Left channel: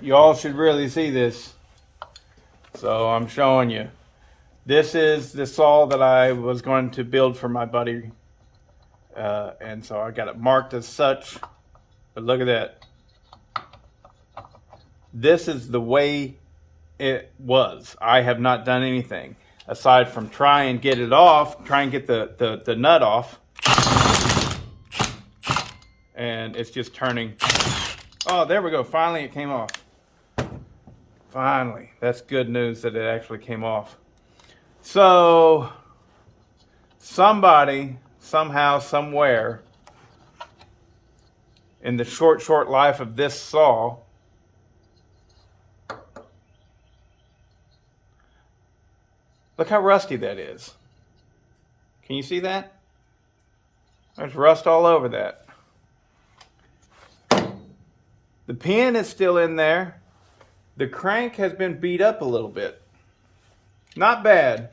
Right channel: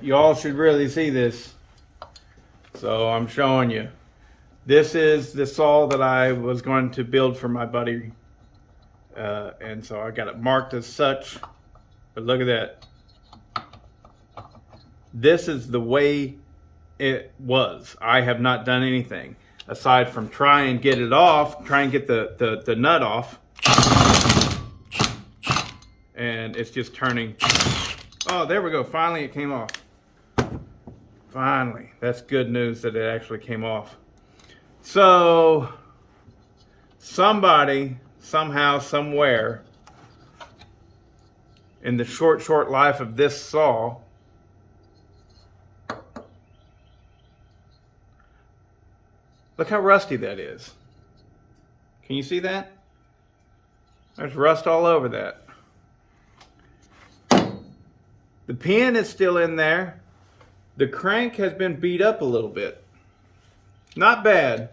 y'all should really see this. So I'm showing you. This is the saw that I was going to build for my buddy. And so I got it marked as such. But look at that. This is the way it was. I have not done anything aside from try and get it off, try and get the nut off. And it's just turning. Oh, there we go. Finally it came off. Finally. That's good news that it actually came off. So somebody, somehow, somewhere in the short life of this saw look how rusty that is. Can you see that? There's rust all over that. The pin is still in there. The crank has been beat up a little bit. Not bad,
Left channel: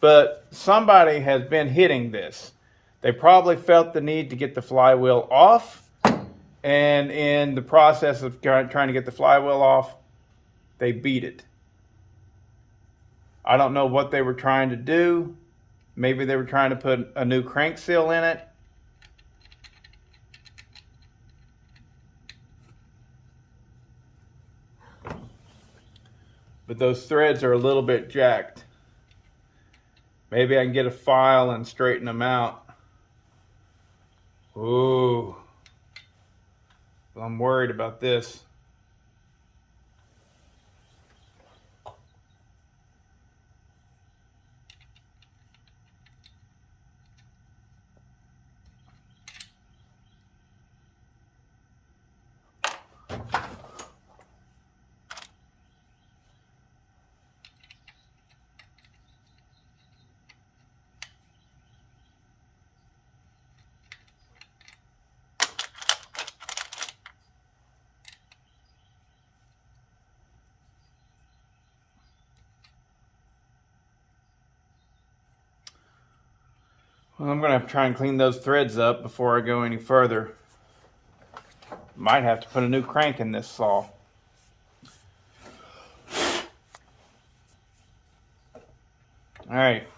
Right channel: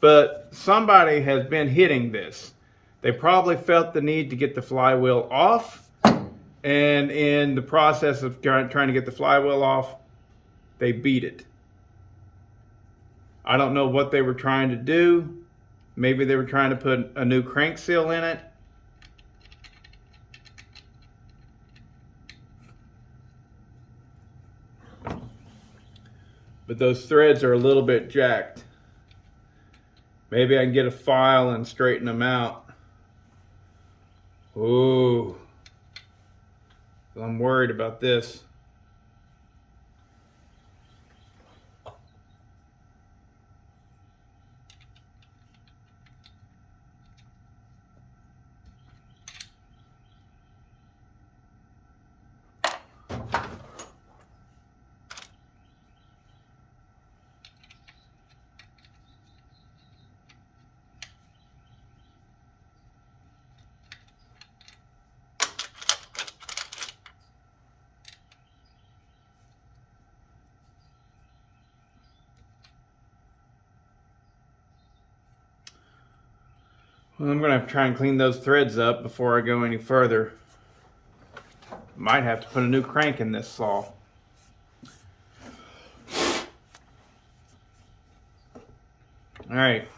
but somebody has been hitting this. They probably felt the need to get the flywheel off, and in the process of trying to get the flywheel off, they beat it. I don't know what they were trying to do. Maybe they were trying to put a new crank seal in it. But those threads are a little bit jacked. Maybe I can get a file and straighten them out. Ooh. I'm worried about this. Well, I'm gonna have to try and clean those threads up before I go any further. Might have to put a new crank in this saw. All right,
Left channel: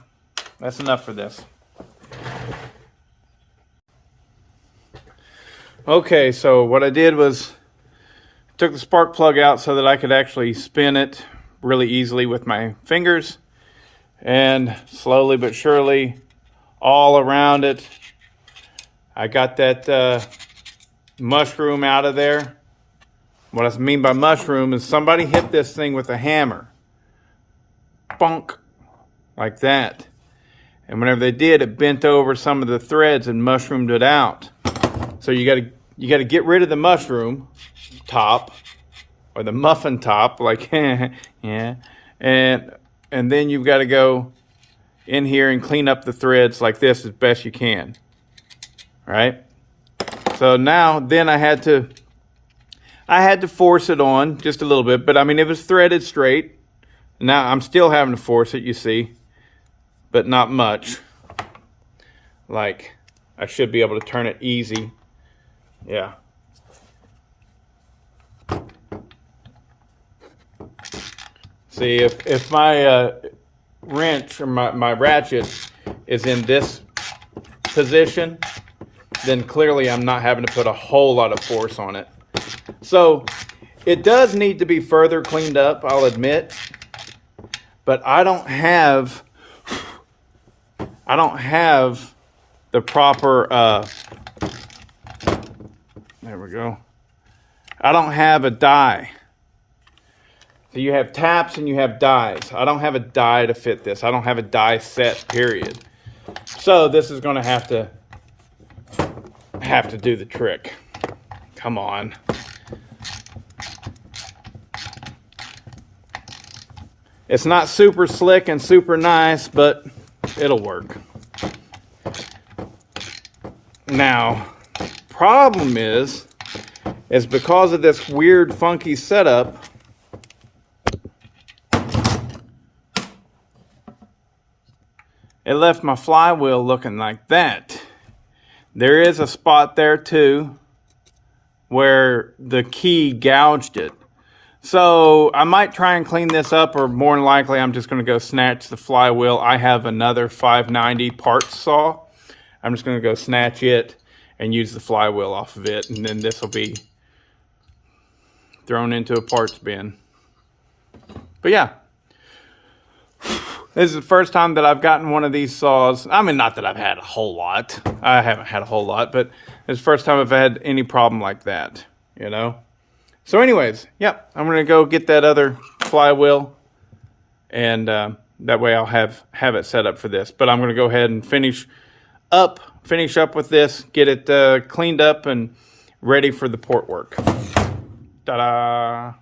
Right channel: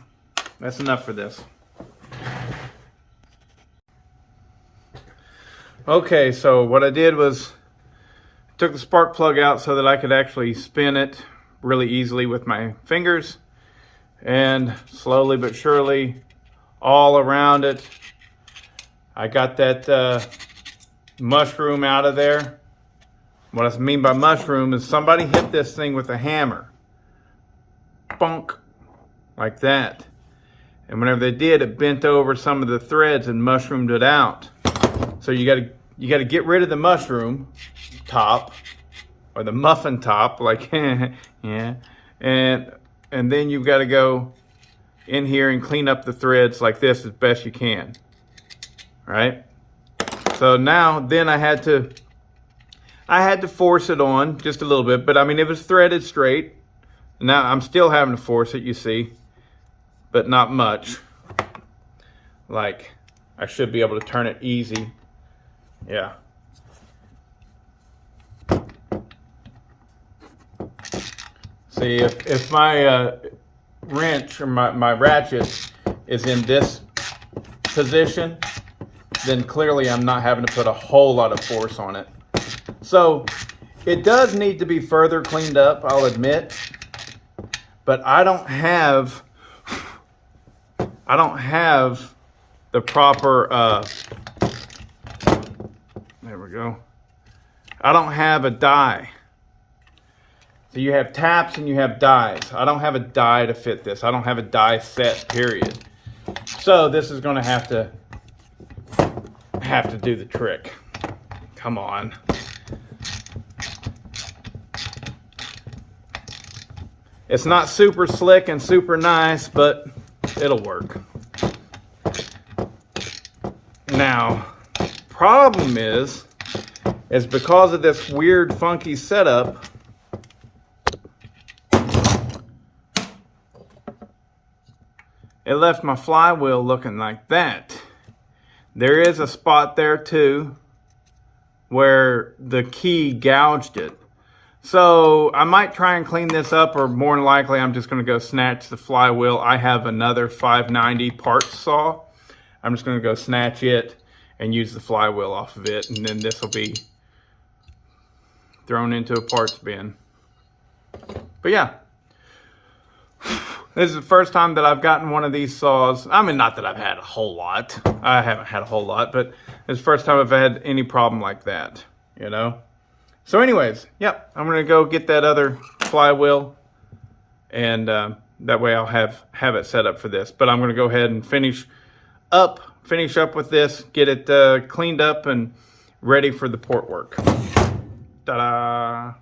that's enough for this. Okay, so what I did was took the spark plug out so that I could actually spin it really easily with my fingers, and slowly but surely all around it I got that mushroom out of there. What I mean by mushroom is somebody hit this thing with a hammer. Bonk. Like that. And whenever they did, it bent over some of the threads and mushroomed it out. So you gotta get rid of the mushroom top, or the muffin top, like yeah. And then you've got to go in here and clean up the threads like this as best you can. Right? So now then I had to force it on just a little bit, but I mean it was threaded straight. Now I'm still having to force it, you see, but not much. Like I should be able to turn it easy. Yeah. See, if my wrench or my ratchet is in this position, then clearly I'm not having to put a whole lot of force on it. So it does need to be further cleaned up, I'll admit, but I don't have the proper there we go. I don't have a die. So you have taps and you have dies. I don't have a die to fit this. I don't have a die set, period. So this is going to have to do the trick. Come on. It's not super slick and super nice, but it'll work. Now, problem is because of this weird funky setup, it left my flywheel looking like that. There is a spot there too where the key gouged it. So I might try and clean this up, or more than likely I'm just going to go snatch the flywheel. I have another 590 parts saw. I'm just going to go snatch it and use the flywheel off of it, and then this will be thrown into a parts bin. But yeah, this is the first time that I've gotten one of these saws. I mean, not that I've had a whole lot. I haven't had a whole lot, but it's the first time I've had any problem like that, you know? So anyways, yep, I'm gonna go get that other flywheel, and that way I'll have it set up for this. But I'm gonna go ahead and finish up with this, get it cleaned up and ready for the port work. Ta-da!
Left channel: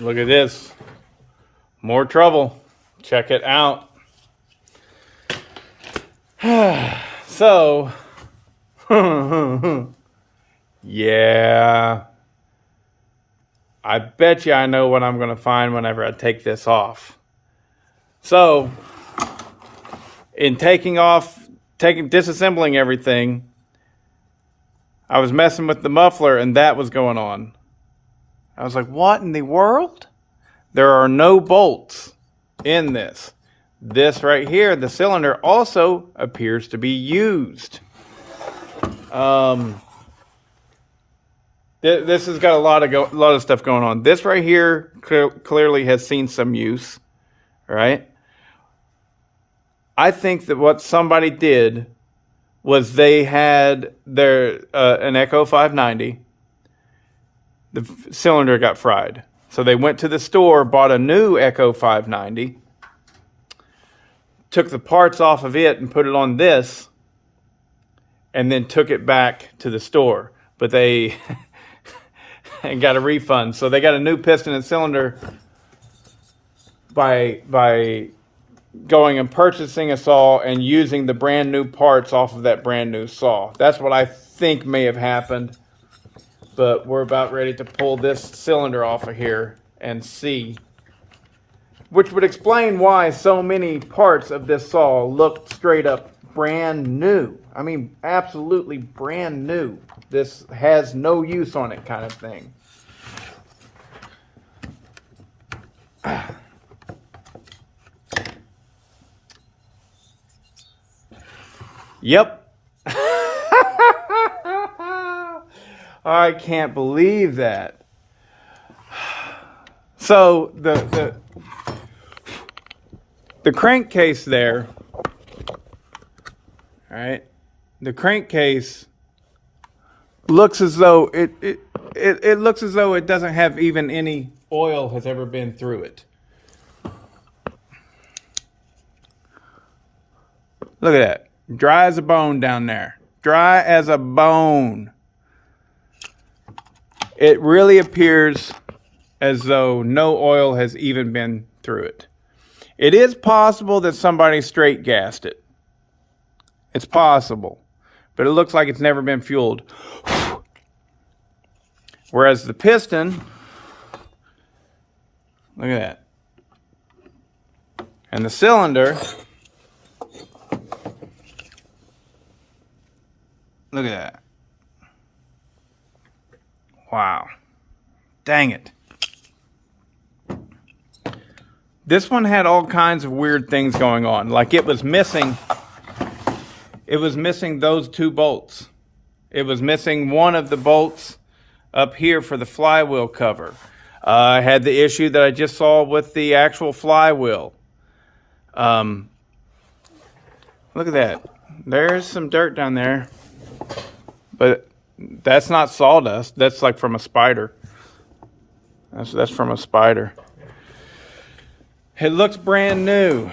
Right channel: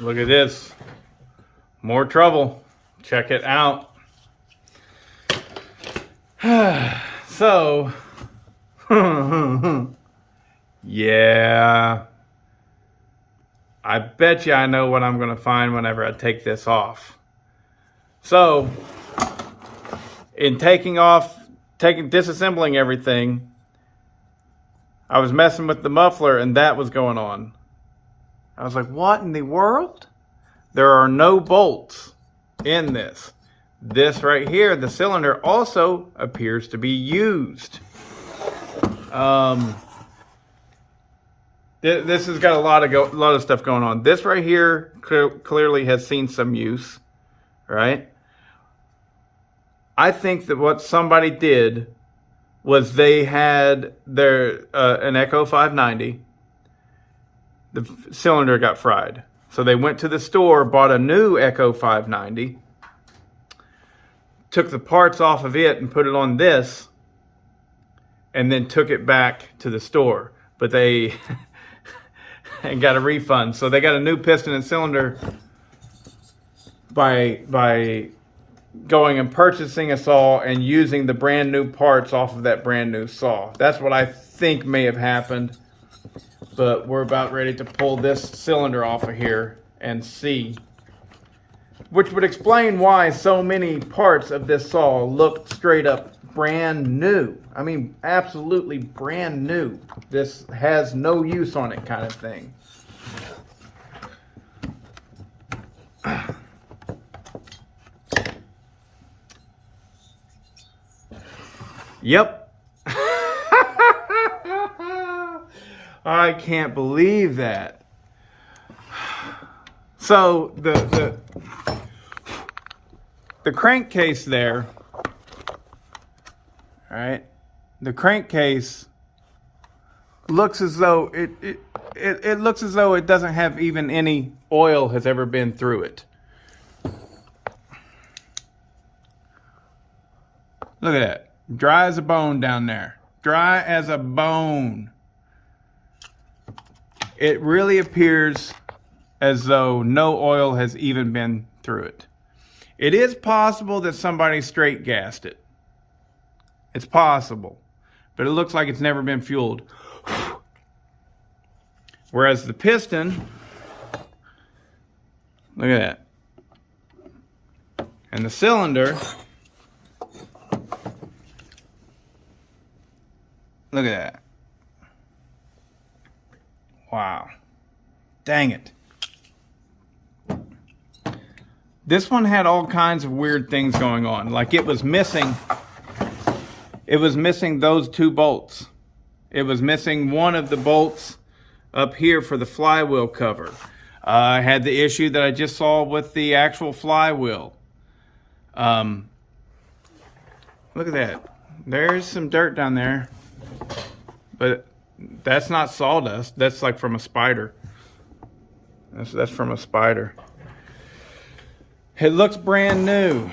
Look at this. More trouble. Check it out. So, yeah. I bet you I know what I'm going to find whenever I take this off. So, in disassembling everything, I was messing with the muffler and that was going on. I was like, what in the world? There are no bolts in this. This right here, the cylinder, also appears to be used. This has got a lot of stuff going on. This right here clearly has seen some use, right? I think that what somebody did was they had an Echo 590. The cylinder got fried. So they went to the store, bought a new Echo 590, took the parts off of it and put it on this, and then took it back to the store. But they and got a refund. So they got a new piston and cylinder by going and purchasing a saw and using the brand new parts off of that brand new saw. That's what I think may have happened. But we're about ready to pull this cylinder off of here and see. Which would explain why so many parts of this saw look straight up brand new. I mean, absolutely brand new. This has no use on it kind of thing. Yep. I can't believe that. So the crankcase there, all right? The crankcase looks as though it looks as though it doesn't have even any oil has ever been through it. Look at that. Dry as a bone down there. Dry as a bone. It really appears as though no oil has even been through it. It is possible that somebody straight gassed it. It's possible. But it looks like it's never been fueled. Whereas the piston, look at that. And the cylinder, look at that. Wow. Dang it. This one had all kinds of weird things going on. Like it was missing those two bolts. It was missing one of the bolts up here for the flywheel cover. I had the issue that I just saw with the actual flywheel. Look at that. There's some dirt down there. But that's not sawdust. That's like from a spider. That's from a spider. It looks brand new.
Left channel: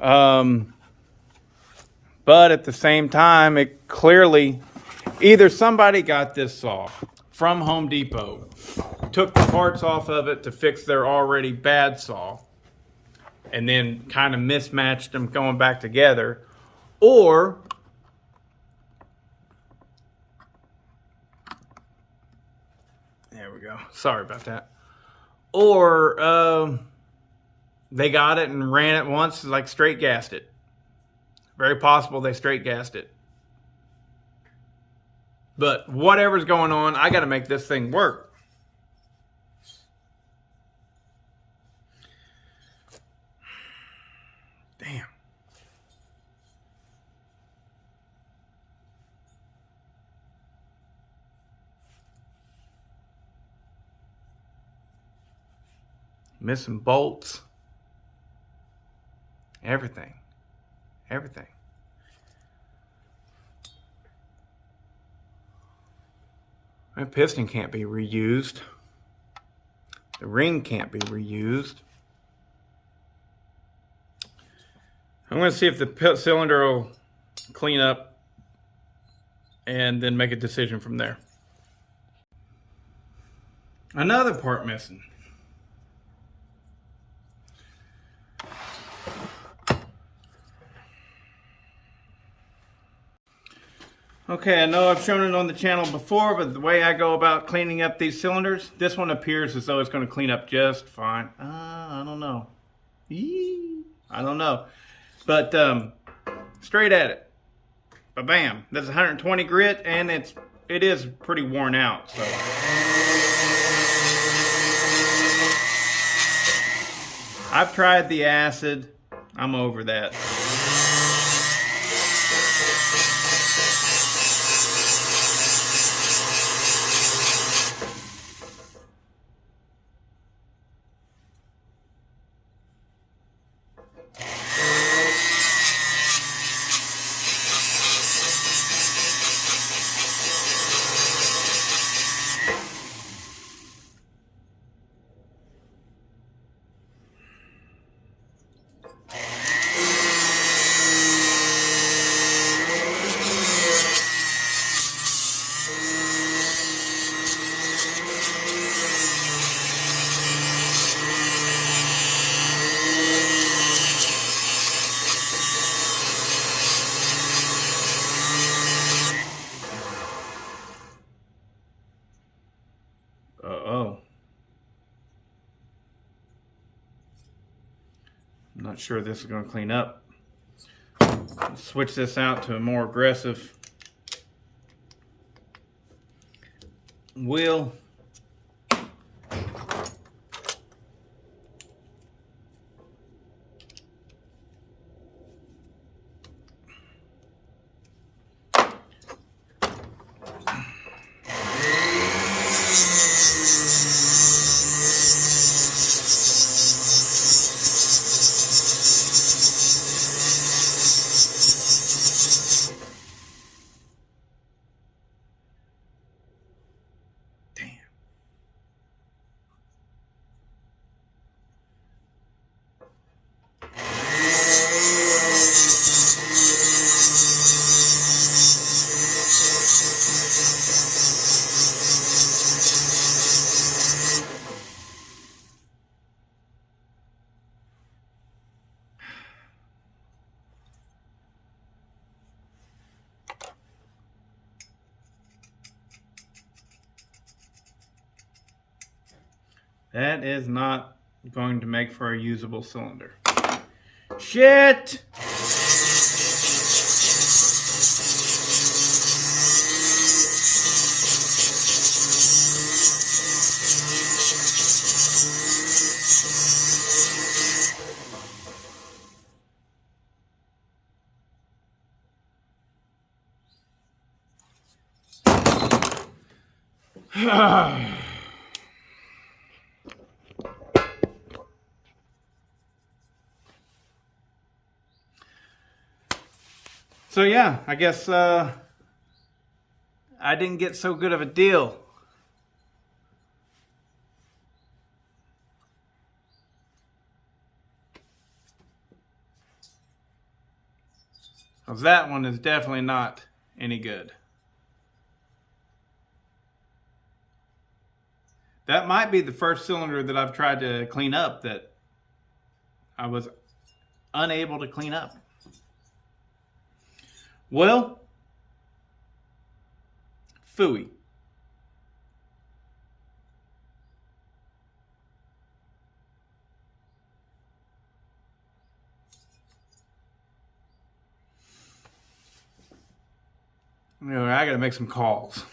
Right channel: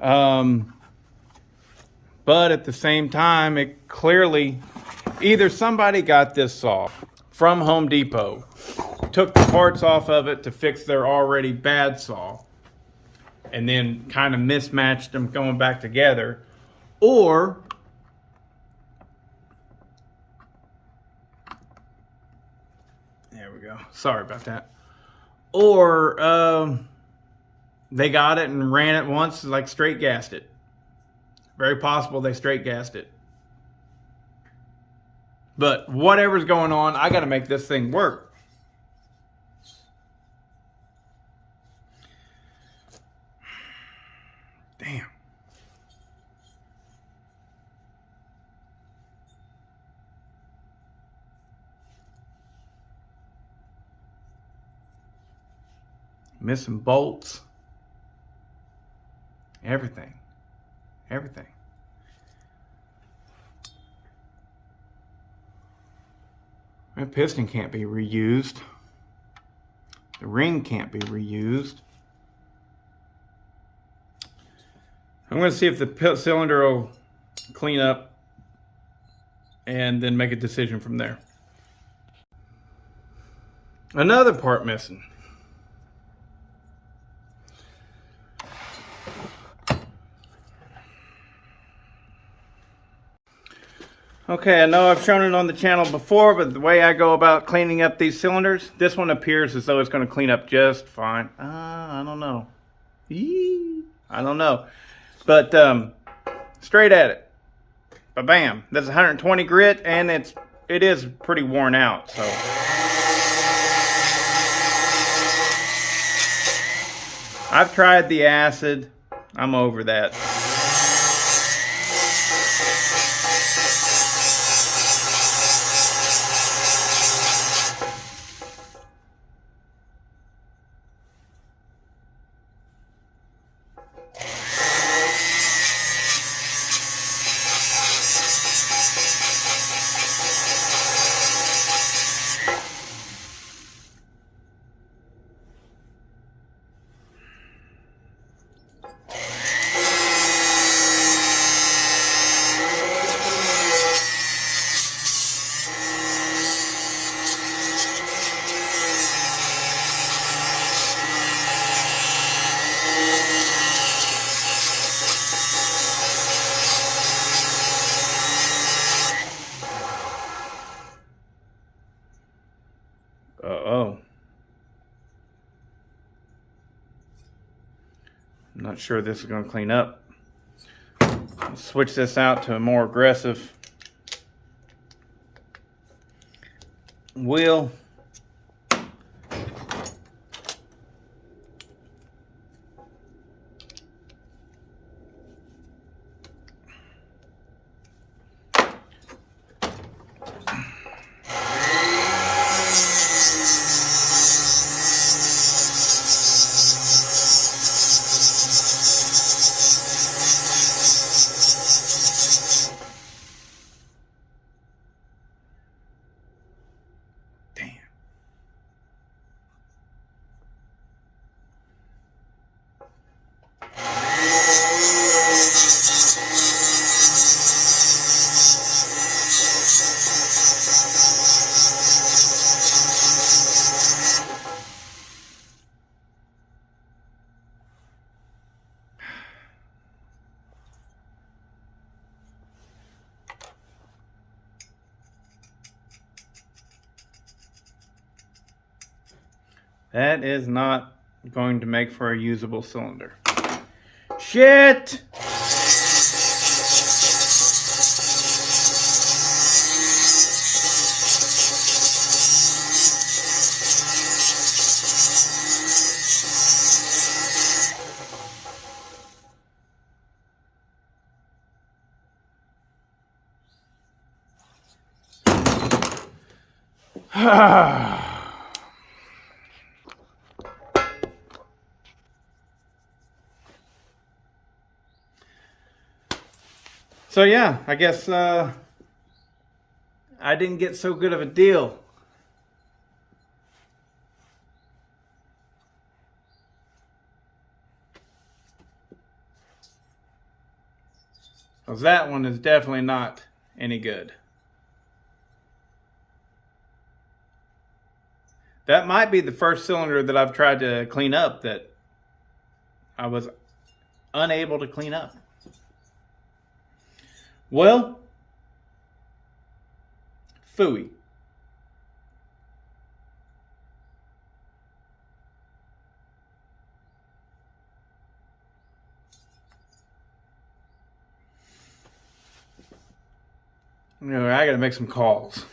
But at the same time, it clearly, either somebody got this saw from Home Depot, took the parts off of it to fix their already bad saw, and then kind of mismatched them going back together, or there we go. Sorry about that. Or they got it and ran it once, like straight gassed it. Very possible they straight gassed it. But whatever's going on, I got to make this thing work. Damn. Missing bolts. Everything. Everything. The piston can't be reused. The ring can't be reused. I'm going to see if the cylinder will clean up and then make a decision from there. Another part missing. Okay, I know I've shown it on the channel before, but the way I go about cleaning up these cylinders, this one appears as though it's going to clean up just fine. I don't know. I don't know. But straight at it. Ba-bam. That's 120 grit, and it is pretty worn out. So I've tried the acid. I'm over that. Uh-oh. I'm not sure this is going to clean up. Let's switch this out to a more aggressive wheel. That is not going to make for a usable cylinder. Shit! So yeah, I guess I didn't get so good of a deal. Because that one is definitely not any good. That might be the first cylinder that I've tried to clean up that I was unable to clean up. Well, phooey. I gotta make some calls.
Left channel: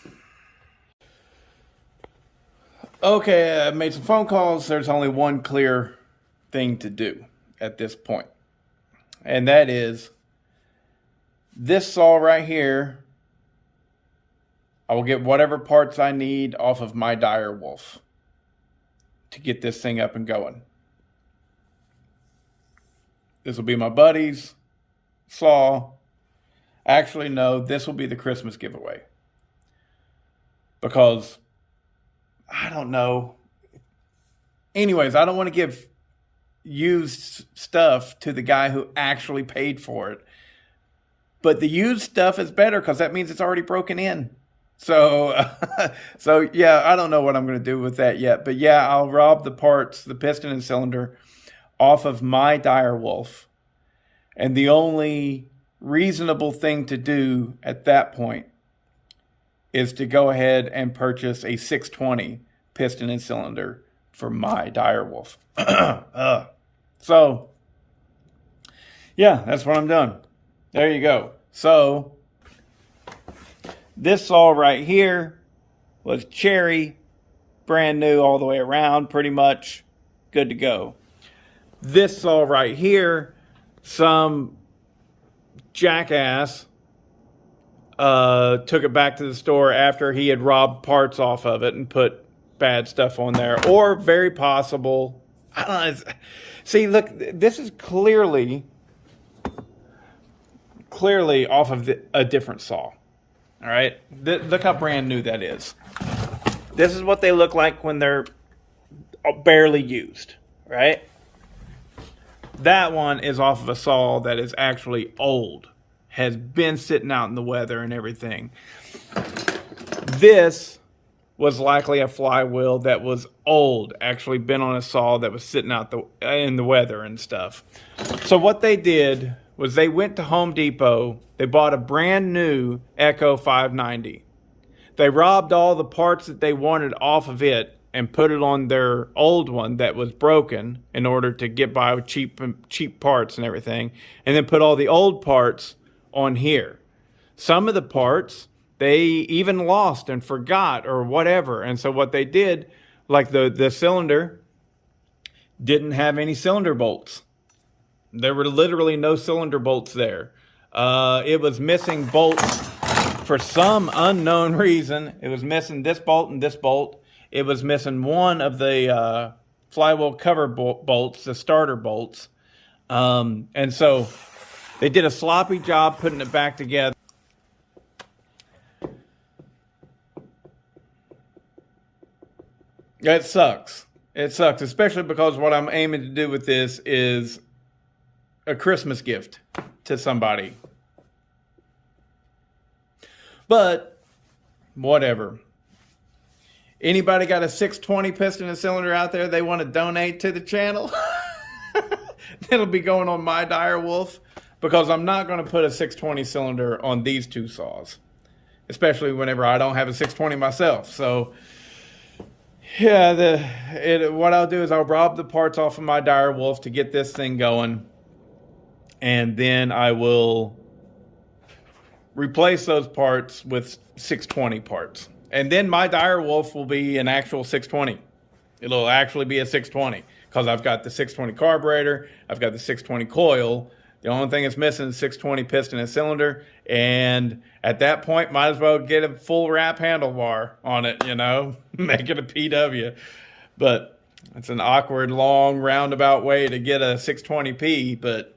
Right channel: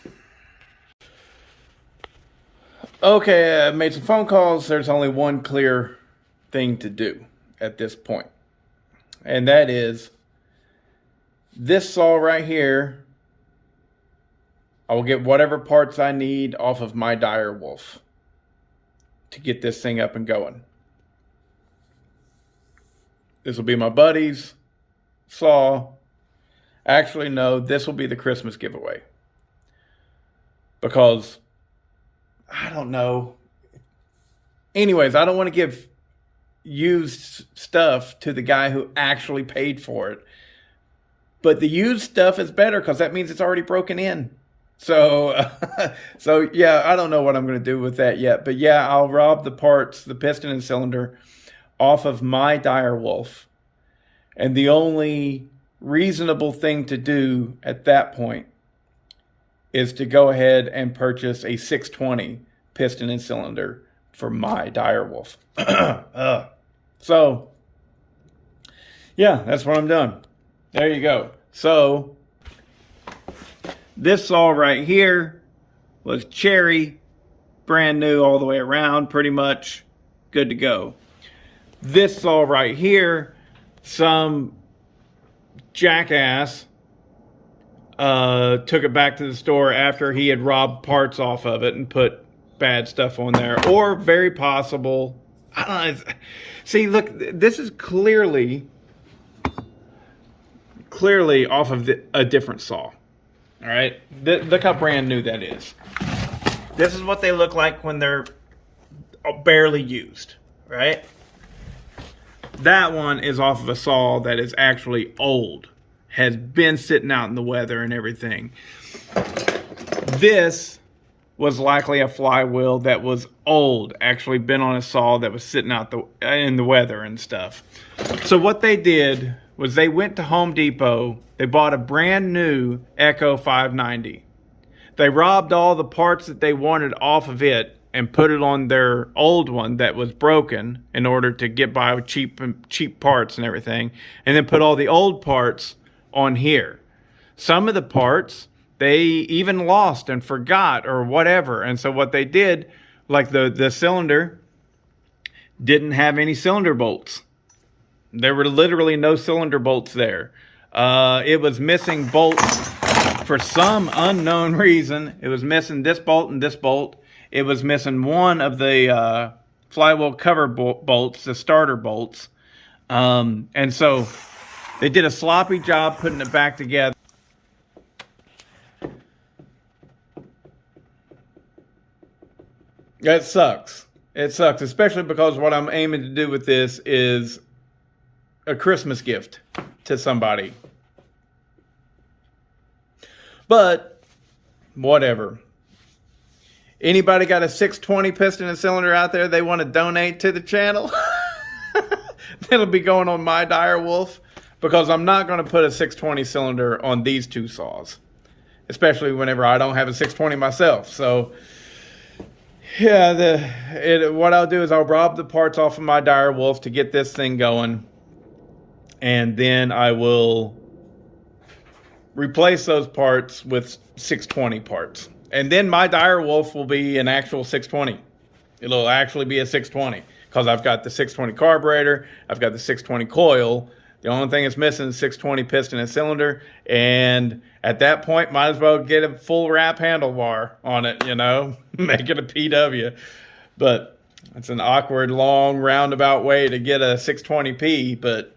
Okay, I made some phone calls. There's only one clear thing to do at this point. And that is this saw right here. I will get whatever parts I need off of my dire wolf to get this thing up and going. This will be my buddy's saw. Actually, no, this will be the Christmas giveaway. Because, I don't know. Anyways, I don't want to give used stuff to the guy who actually paid for it. But the used stuff is better because that means it's already broken in. So yeah, I don't know what I'm going to do with that yet. But yeah, I'll rob the parts, the piston and cylinder, off of my dire wolf. And the only reasonable thing to do at that point is to go ahead and purchase a 620 piston and cylinder for my dire wolf. So, yeah, that's what I'm doing. There you go. So, this saw right here was cherry, brand new all the way around, pretty much good to go. This saw right here, some jackass took it back to the store after he had robbed parts off of it and put bad stuff on there. Or very possible, I don't know. See, look, this is clearly off of a different saw. All right, look how brand new that is. This is what they look like when they're barely used, right? That one is off of a saw that is actually old, has been sitting out in the weather and everything. This was likely a flywheel that was old, actually been on a saw that was sitting out in the weather and stuff. So what they did was they went to Home Depot, they bought a brand new Echo 590. They robbed all the parts that they wanted off of it and put it on their old one that was broken in order to get by with cheap parts and everything, and then put all the old parts on here. Some of the parts they even lost and forgot or whatever, and so what they did, like the cylinder didn't have any cylinder bolts. There were literally no cylinder bolts there. It was missing bolts for some unknown reason. It was missing this bolt and this bolt. It was missing one of the flywheel cover bolts, the starter bolts. And so they did a sloppy job putting it back together. It sucks. It sucks, especially because what I'm aiming to do with this is a Christmas gift to somebody. But whatever. Anybody got a 620 piston and cylinder out there they want to donate to the channel? It'll be going on my dire wolf, because I'm not going to put a 620 cylinder on these two saws, especially whenever I don't have a 620 myself. So yeah, what I'll do is I'll rob the parts off of my dire wolf to get this thing going, and then I will replace those parts with 620 parts. And then my dire wolf will be an actual 620. It'll actually be a 620 because I've got the 620 carburetor, I've got the 620 coil. The only thing that's missing is 620 piston and cylinder. And at that point, might as well get a full wrap handlebar on it, you know, make it a PW. But it's an awkward, long, roundabout way to get a 620P, but